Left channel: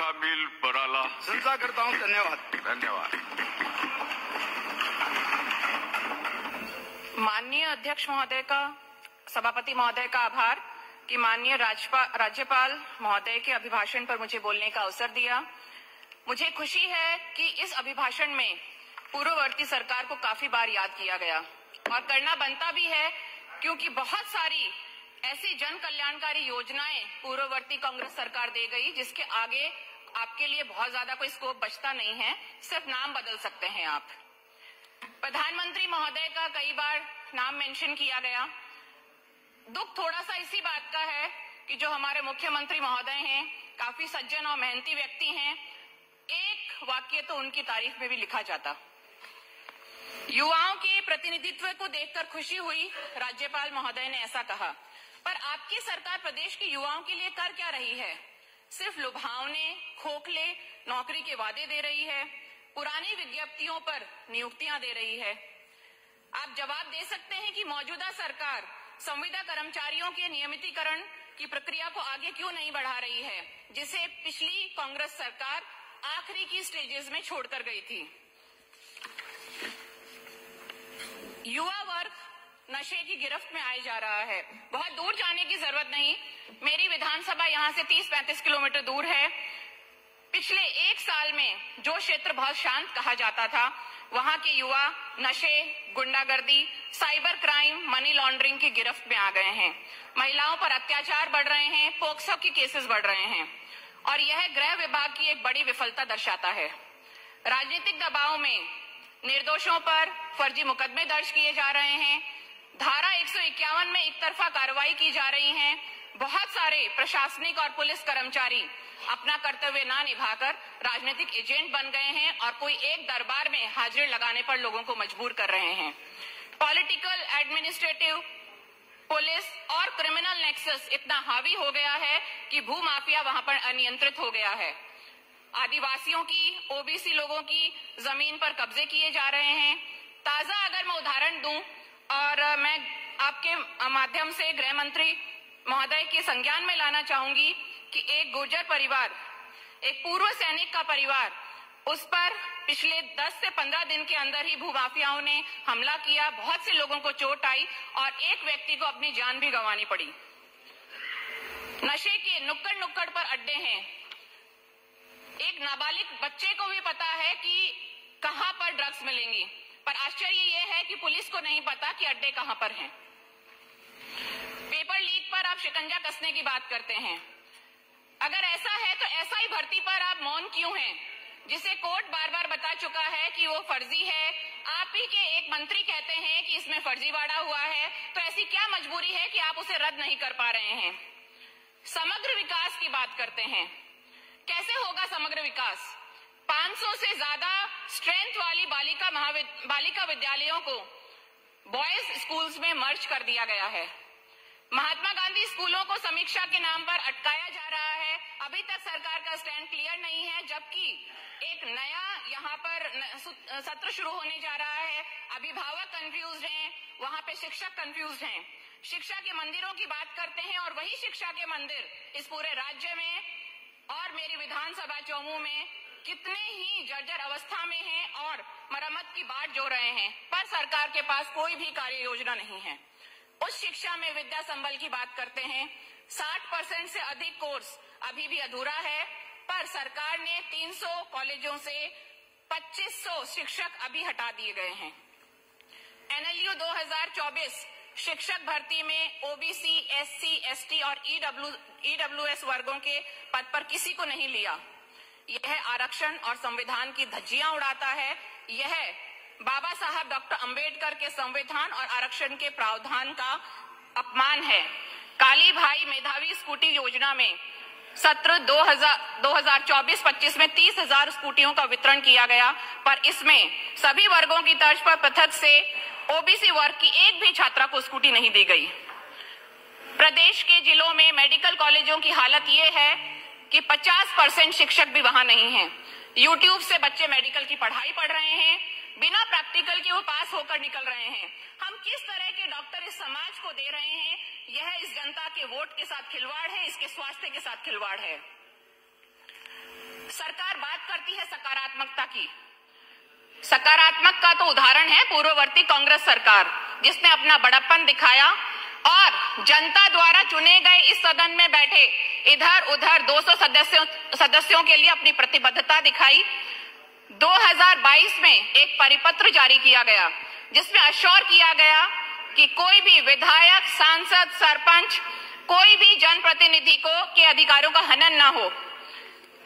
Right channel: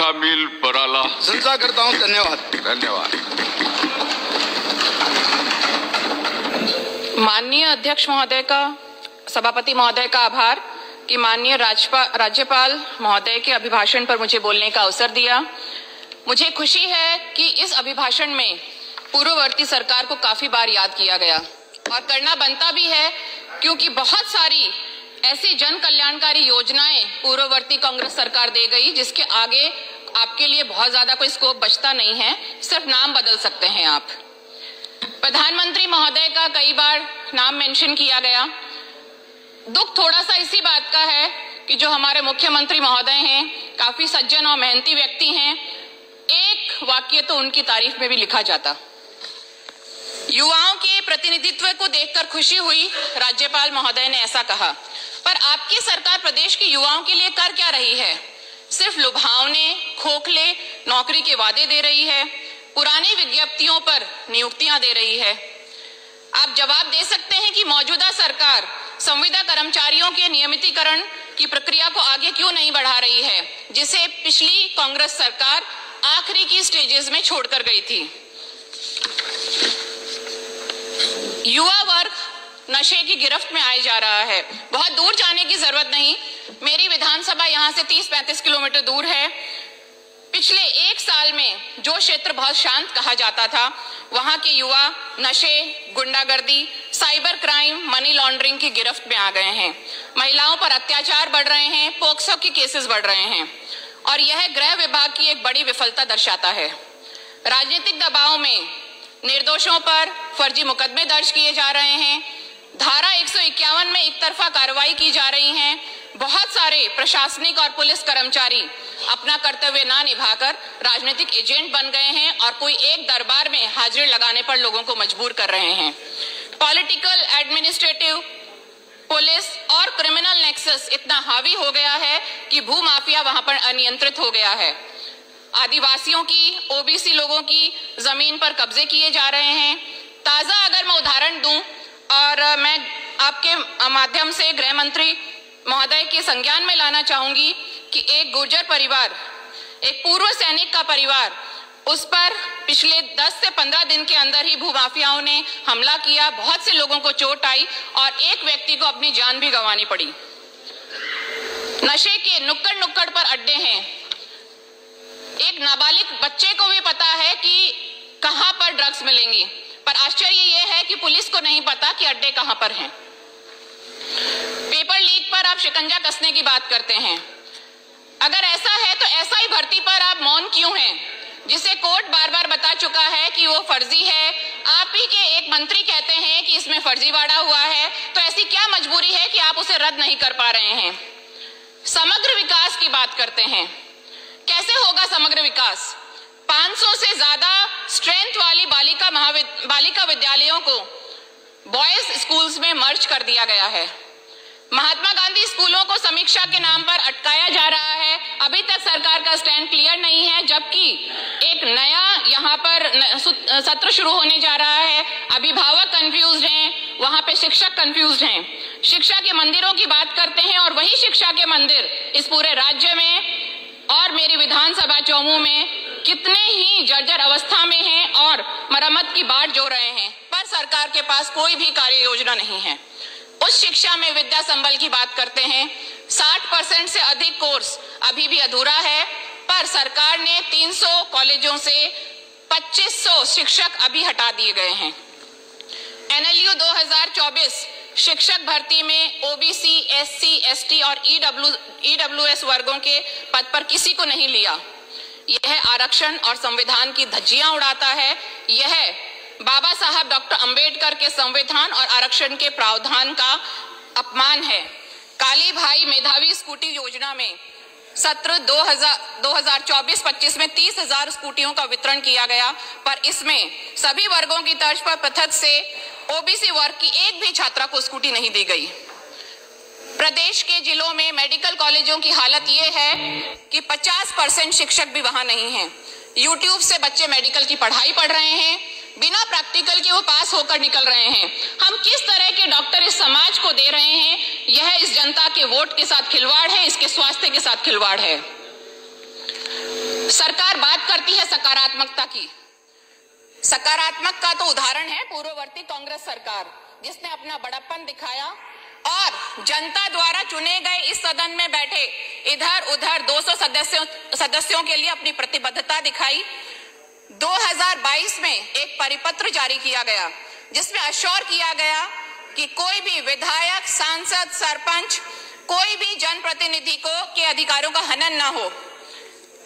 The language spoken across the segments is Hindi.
कामिल पराला प्रशंसा करता हूं। धन्यवाद। धन्यवाद। माननीय अध्यक्ष महोदय का, सभापति महोदय का आभार कि माननीय राज्यपाल महोदय के अभिभाषण पर मुझे बोलने का अवसर दिया। मुझे खुशी है कि इस अभिभाषण में पूर्ववर्ती सरकार को काफी बार याद किया गया और करना बनता भी है, क्योंकि बहुत सारी ऐसी जन कल्याणकारी योजनाएं पूर्ववर्ती कांग्रेस सरकार दे गई जिसके आगे आपके लिए बहुत ज्यादा कोई स्कोप बचता नहीं है, सिर्फ नाम बदल सकते हैं आप। प्रधानमंत्री महोदय का कई बार नाम मेंशन किया गया। दुख थोड़ा सा इसी बात का है कि जो हमारे मुख्यमंत्री महोदय हैं, काफी सज्जन और मेहनती व्यक्ति हैं, एक वाक्य तो उनकी तारीफ में भी लिखा जाता। युवाओं के प्रतिनिधित्व को देखकर खुशी हुई, राज्यपाल महोदय ने ऐसा कहा। पर आपकी सरकार प्रदेश के युवाओं के लिए कर क्या रही है? सिर्फ लुभावने, खोखले नौकरी के वादे दे रही है, पुरानी विज्ञप्तियों पर नियुक्तियां दे रही है। आप जवाब दे सकते हैं कि मौजूदा सरकार संविदा कर्मचारियों के नियमितीकरण की प्रक्रिया को आगे क्यों नहीं बढ़ा रही है, जिसे पिछली कांग्रेस सरकार आखिरी की स्टेजेस में छोड़कर गई थी। युवा वर्ग नशे की गिरफ्त में आए जा रहा है। बहुत दूर जाने की जरूरत नहीं, मेरी विधानसभा यहां से 30-35 किलोमीटर दूर है। पिछले एक साल में जो क्षेत्र बहुत शांत कहा जाता था, वहां के युवा नशे, गुंडागर्दी, साइबर क्राइम, मनी लॉन्ड्रिंग की गिरफ्त में आ गए हैं। महिलाओं पर अत्याचार बढ़ रहे हैं, पोक्सो के केसेस बढ़ रहे हैं और यह गृह विभाग की एक बड़ी विफलता दर्शाता है। राजनीतिक दबाव में निर्दोषों पर फर्जी मुकदमे दर्ज किए जा रहे हैं। धारा 151 में एक तरफा कार्रवाई की जा रही है। बहुत सारे प्रशासनिक और पुलिस कर्मचारी अपना कर्तव्य ना निभाकर राजनीतिक एजेंट बन गए हैं और कोई एक दरबार में हाजिर लगाने पर लोगों को मजबूर कर रहे हैं। पॉलिटिकल, एडमिनिस्ट्रेटिव, पुलिस और क्रिमिनल नेक्सस इतना हावी हो गया है कि भूमाफिया वहां पर अनियंत्रित हो गया है। आदिवासियों की, ओबीसी लोगों की जमीन पर कब्जे किए जा रहे हैं। ताजा अगर मैं उदाहरण दूं, और मैं आपके माध्यम से गृह मंत्री महोदय के संज्ञान में लाना चाहूंगी कि एक गुर्जर परिवार, एक पूर्व सैनिक का परिवार, उस पर पिछले 10 से 15 दिन के अंदर ही भूमाफियाओं ने हमला किया। बहुत से लोगों को चोट आई और एक व्यक्ति को अपनी जान भी गंवानी पड़ी। नशे के नुक्कड़ नुक्कड़ पर अड्डे हैं। एक नाबालिग बच्चे को भी पता है कि कहां पर ड्रग्स मिलेंगी, पर आश्चर्य यह है कि पुलिस को नहीं पता कि अड्डे कहां पर हैं। पेपर लीक पर आप शिकंजा कसने की बात करते हैं। अगर ऐसा है तो एसआई भर्ती पर आप मौन क्यों हैं, जिसे कोर्ट बार बार बता चुका है कि वो फर्जी है। आप ही के एक मंत्री कहते हैं कि इसमें फर्जीवाड़ा हुआ है, तो ऐसी क्या मजबूरी है कि आप उसे रद्द नहीं कर पा रहे हैं? समग्र विकास की बात करते हैं। कैसे होगा समग्र विकास? 500 से ज्यादा स्ट्रेंथ वाली बालिका विद्यालयों को बॉयज स्कूल्स में मर्ज कर दिया गया है। महात्मा गांधी स्कूलों को समीक्षा के नाम पर अटकाया जा रहा है। अभी तक सरकार का स्टैंड क्लियर नहीं है, जबकि एक नया यहाँ पर सत्र शुरू होने जा रहा है। अभिभावक कंफ्यूज्ड हैं, वहां पे शिक्षक कंफ्यूज्ड हैं। शिक्षा के मंदिरों की बात करते हैं और वही शिक्षा के मंदिर इस पूरे राज्य में और मेरी विधानसभा चौमू में कितने ही जर्जर अवस्था में हैं और मरम्मत की बाट जो रहे हैं, पर सरकार के पास कोई भी कार्य योजना नहीं है। उस शिक्षा में विद्या संबल की बात करते हैं। 60% से अधिक कोर्स अभी भी अधूरा है, पर सरकार ने 300 कॉलेजों से 2500 शिक्षक अभी हटा दिए गए हैं। एनएलयू 2024 शिक्षक भर्ती में ओबीसी, एससी, एसटी और ईडब्ल्यूएस वर्गों के पद पर किसी को नहीं लिया। यह आरक्षण और संविधान की धज्जियां उड़ाता है। यह बाबा साहब डॉक्टर अंबेडकर के संविधान और आरक्षण के प्रावधान का अपमान है। काली भाई मेधावी स्कूटी योजना में सत्र 2024-25 में 30,000 स्कूटियों का वितरण किया गया, पर इसमें सभी वर्गों की तर्ज पर पृथक से ओबीसी वर्ग की एक भी छात्रा को स्कूटी नहीं दी गई। प्रदेश के जिलों में मेडिकल कॉलेजों की हालत यह है कि 50% शिक्षक भी वहां नहीं हैं। यूट्यूब से बच्चे मेडिकल की पढ़ाई पढ़ रहे हैं, बिना प्रैक्टिकल के वो पास होकर निकल रहे हैं। हम किस तरह के डॉक्टर इस समाज को दे रहे हैं? यह इस जनता के वोट के साथ खिलवाड़ है, इसके स्वास्थ्य के साथ खिलवाड़ है। सरकार बात करती है सकारात्मकता की। सकारात्मक का तो उदाहरण है पूर्ववर्ती कांग्रेस सरकार, जिसने अपना बड़प्पन दिखाया और जनता द्वारा चुने गए इस सदन में बैठे इधर उधर 200 सदस्यों के लिए अपनी प्रतिबद्धता दिखाई। 2022 में एक परिपत्र जारी किया गया जिसमें अश्योर किया गया कि कोई भी विधायक, सांसद, सरपंच, कोई भी जनप्रतिनिधि के अधिकारों का हनन ना हो।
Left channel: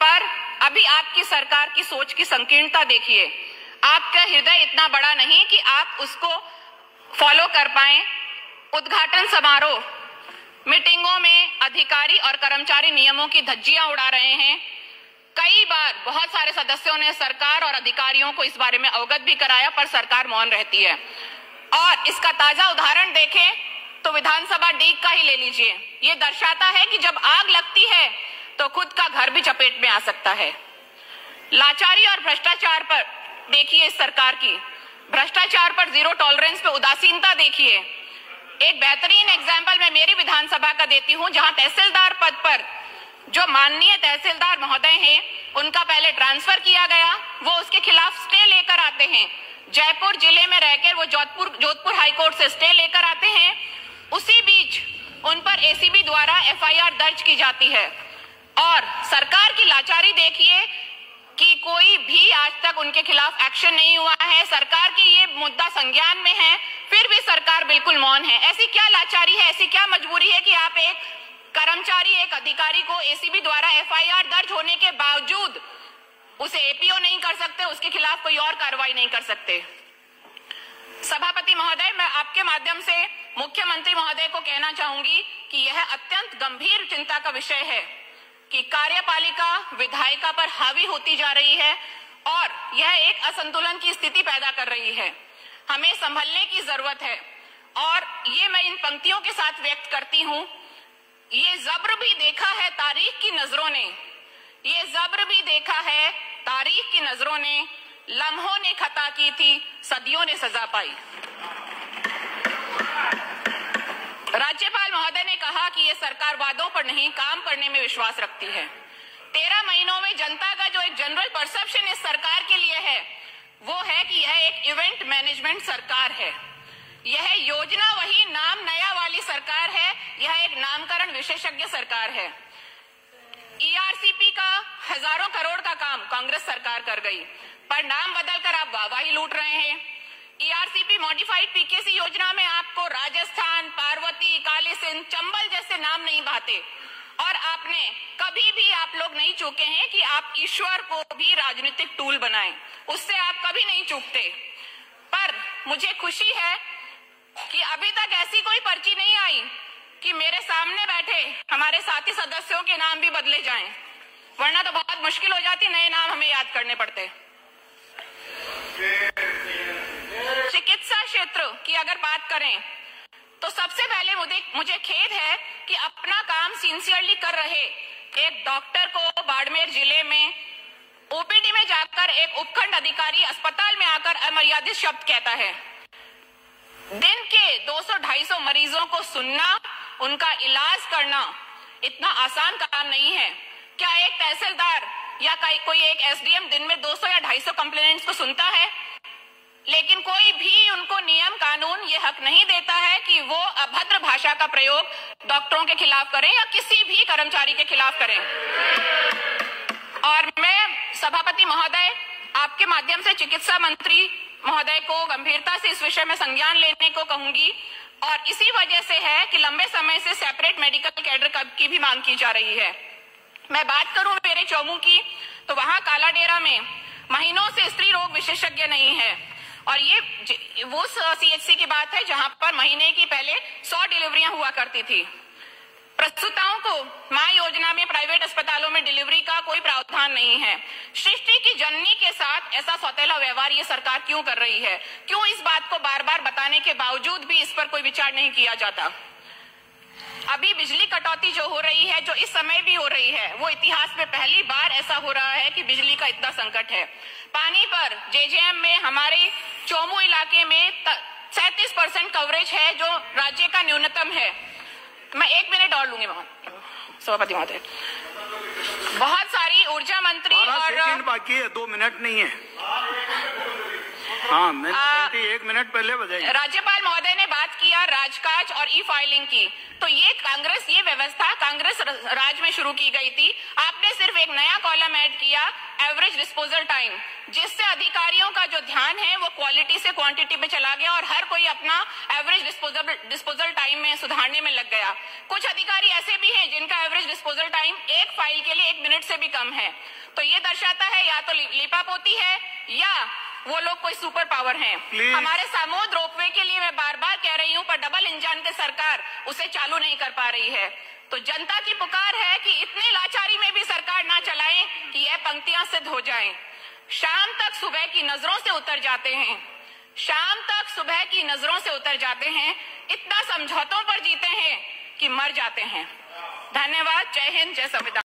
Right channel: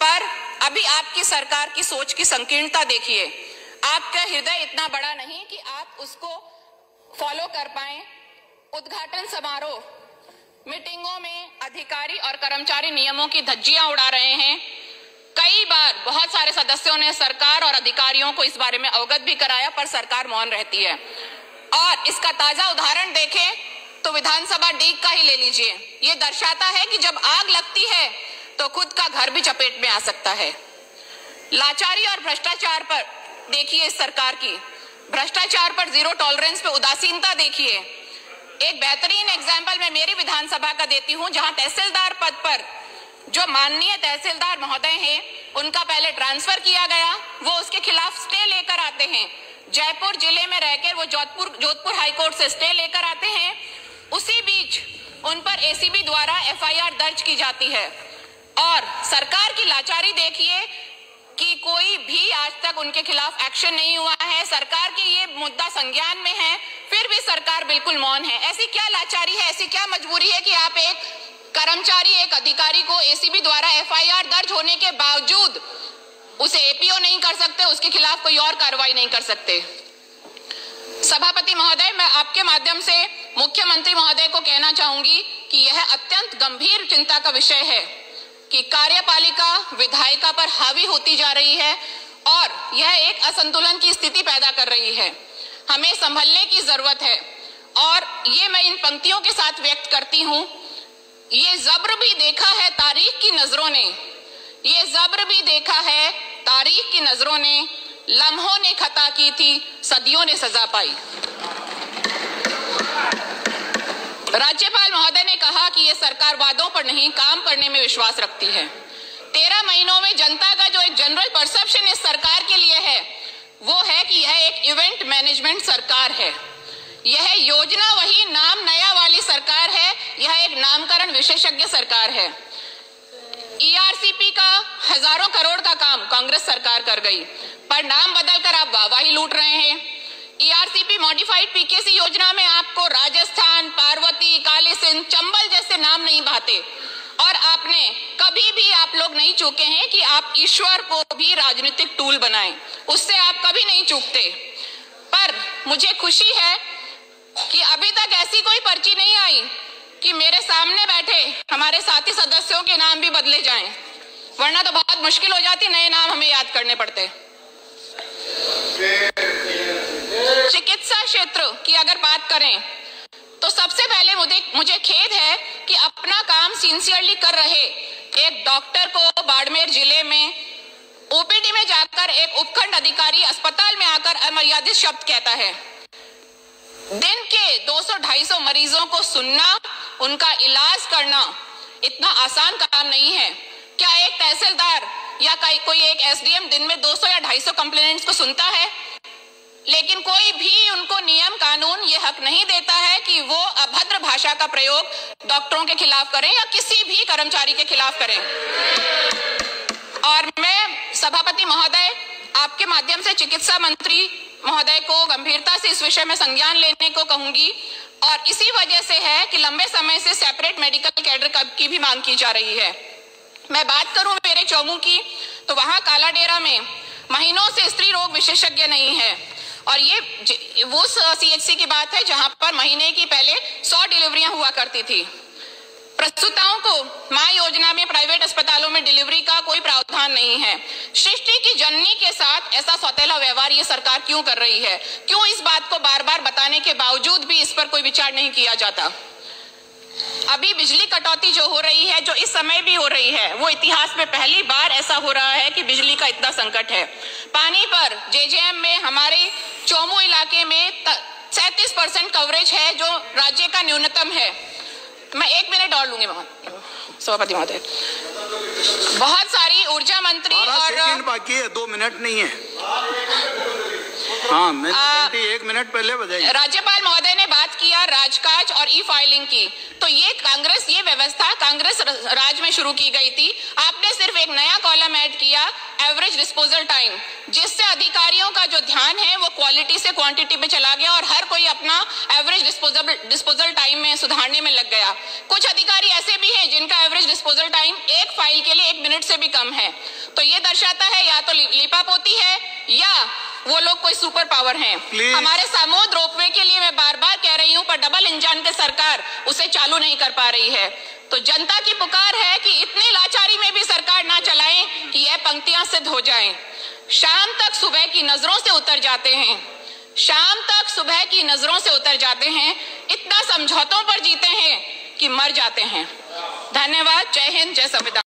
पर अभी आपकी सरकार की सोच की संकीर्णता देखिए। आपका हृदय इतना बड़ा नहीं कि आप उसको फॉलो कर पाए। उद्घाटन समारोह, मीटिंगों में अधिकारी और कर्मचारी नियमों की धज्जियां उड़ा रहे हैं। कई बार बहुत सारे सदस्यों ने सरकार और अधिकारियों को इस बारे में अवगत भी कराया, पर सरकार मौन रहती है। और इसका ताजा उदाहरण देखें तो विधानसभा डीग का ही ले लीजिए। ये दर्शाता है कि जब आग लगती है तो खुद का घर भी चपेट में आ सकता है। लाचारी और भ्रष्टाचार पर देखिए इस सरकार की, भ्रष्टाचार पर जीरो टॉलरेंस पे उदासीनता देखिए। एक बेहतरीन एग्जाम्पल मैं मेरी विधानसभा का देती हूं, जहां तहसीलदार पद पर जो माननीय तहसीलदार महोदय हैं, उनका पहले ट्रांसफर किया गया, वो उसके खिलाफ स्टे लेकर आते हैं। जयपुर जिले में रहकर वो जोधपुर हाईकोर्ट से स्टे लेकर आते हैं। उसी बीच उन पर एसीबी द्वारा एफआईआर दर्ज की जाती है। और सरकार की लाचारी देखिए कि कोई भी आज तक उनके खिलाफ एक्शन नहीं हुआ है। सरकार के ये मुद्दा संज्ञान में है, फिर भी सरकार बिल्कुल मौन है। ऐसी क्या लाचारी है, ऐसी क्या मजबूरी है कि आप एक कर्मचारी, एक अधिकारी को एसीबी द्वारा एफआईआर दर्ज होने के बावजूद उसे एपीओ नहीं कर सकते, उसके खिलाफ कोई और कार्रवाई नहीं कर सकते। सभापति महोदय, मैं आपके माध्यम से मुख्यमंत्री महोदय को कहना चाहूंगी कि यह अत्यंत गंभीर चिंता का विषय है कि कार्यपालिका विधायिका पर हावी होती जा रही है और यह एक असंतुलन की स्थिति पैदा कर रही है। हमें संभलने की जरूरत है और ये मैं इन पंक्तियों के साथ व्यक्त करती हूं। ये जब्र भी देखा है तारीख की नजरों ने, ये जब्र भी देखा है तारीख की नजरों ने, लम्हों ने खता की थी, सदियों ने सजा पाई। राज्यपाल महोदय ने कहा कि यह सरकार वादों पर नहीं, काम करने में विश्वास रखती है। 13 महीनों में जनता का जो एक जनरल परसेप्शन इस सरकार के लिए है, वो है कि यह एक इवेंट मैनेजमेंट सरकार है। यह योजना वही, नाम नया वाली सरकार है। यह एक नामकरण विशेषज्ञ सरकार है। ईआरसीपी का हजारों करोड़ का काम कांग्रेस सरकार कर गई, पर नाम बदलकर आप वाहवाही लूट रहे हैं। ईआरसीपी मॉडिफाइड पीकेसी योजना में आपको राजस्थान, पार्वती, काली सिंध, चंबल जैसे नाम नहीं भाते। और आपने कभी भी, आप लोग नहीं चूके हैं कि आप ईश्वर को भी राजनीतिक टूल बनाएं, उससे आप कभी नहीं चूकते। पर मुझे खुशी है कि अभी तक ऐसी कोई पर्ची नहीं आई कि मेरे सामने बैठे हमारे साथी सदस्यों के नाम भी बदले जाएं, वरना तो बहुत मुश्किल हो जाती, नए नाम हमें याद करने पड़ते। चिकित्सा क्षेत्र की अगर बात करें तो सबसे पहले मुझे खेद है कि अपना काम सिंसियरली कर रहे एक डॉक्टर को बाड़मेर जिले में ओपीडी में जाकर एक उपखंड अधिकारी अस्पताल में आकर अमर्यादित शब्द कहता है। दिन के 200-250 मरीजों को सुनना, उनका इलाज करना इतना आसान काम नहीं है। क्या एक तहसीलदार या कोई एक एसडीएम दिन में 200 या 250 कंप्लेंट्स को सुनता है? लेकिन कोई भी उनको नियम कानून ये हक नहीं देता है कि वो अभद्र भाषा का प्रयोग डॉक्टरों के खिलाफ करें या किसी भी कर्मचारी के खिलाफ करें। और मैं सभापति महोदय, आपके माध्यम से चिकित्सा मंत्री महोदय को गंभीरता से इस विषय में संज्ञान लेने को कहूंगी। और इसी वजह से है कि लंबे समय से सेपरेट मेडिकल कैडर की भी मांग की जा रही है। मैं बात करूं मेरे चौमू की, तो वहां कालाडेरा में महीनों से स्त्री रोग विशेषज्ञ नहीं है। और ये वो सीएचसी की बात है जहां पर महीने की पहले 100 डिलीवरियां हुआ करती थी। प्रसूताओं को मां योजना में प्राइवेट अस्पतालों में डिलीवरी का कोई प्रावधान नहीं है। सृष्टि की जननी के साथ ऐसा सौतेला व्यवहार ये सरकार क्यों कर रही है? क्यों इस बात को बार बार बताने के बावजूद भी इस पर कोई विचार नहीं किया जाता? अभी बिजली कटौती जो हो रही है, जो इस समय भी हो रही है, वो इतिहास में पहली बार ऐसा हो रहा है कि बिजली का इतना संकट है। पानी पर जेजेएम में हमारे चौमू इलाके में 37% कवरेज है, जो राज्य का न्यूनतम है। मैं 1 मिनट और लूंगी सभापति महोदय। बहुत सारी ऊर्जा मंत्री बाकी है, 2 मिनट नहीं है। हाँ, मैंने 1 मिनट पहले बजाई। राज्यपाल महोदय ने बात किया राजकाज और ई फाइलिंग की, तो ये व्यवस्था कांग्रेस राज में शुरू की गई थी। आपने सिर्फ एक नया कॉलम ऐड किया, एवरेज डिस्पोजल टाइम, जिससे अधिकारियों का जो ध्यान है वो क्वालिटी से क्वांटिटी पे चला गया और हर कोई अपना एवरेज डिस्पोजल टाइम में सुधारने में लग गया। कुछ अधिकारी ऐसे भी हैं जिनका एवरेज डिस्पोजल टाइम एक फाइल के लिए 1 मिनट से भी कम है। तो ये दर्शाता है या तो लीपापोती है या वो लोग कोई सुपर पावर हैं। हमारे सामोद रोपवे के लिए मैं बार बार कह रही हूं, पर डबल इंजन के सरकार उसे चालू नहीं कर पा रही है। तो जनता की पुकार है कि इतनी लाचारी में भी सरकार ना चलाएं कि यह पंक्तियां सिद्ध हो जाएं। शाम तक सुबह की नजरों से उतर जाते हैं, शाम तक सुबह की नजरों से उतर जाते हैं, इतना समझौतों पर जीते हैं कि मर जाते हैं। धन्यवाद। जय हिंद, जय संविधान।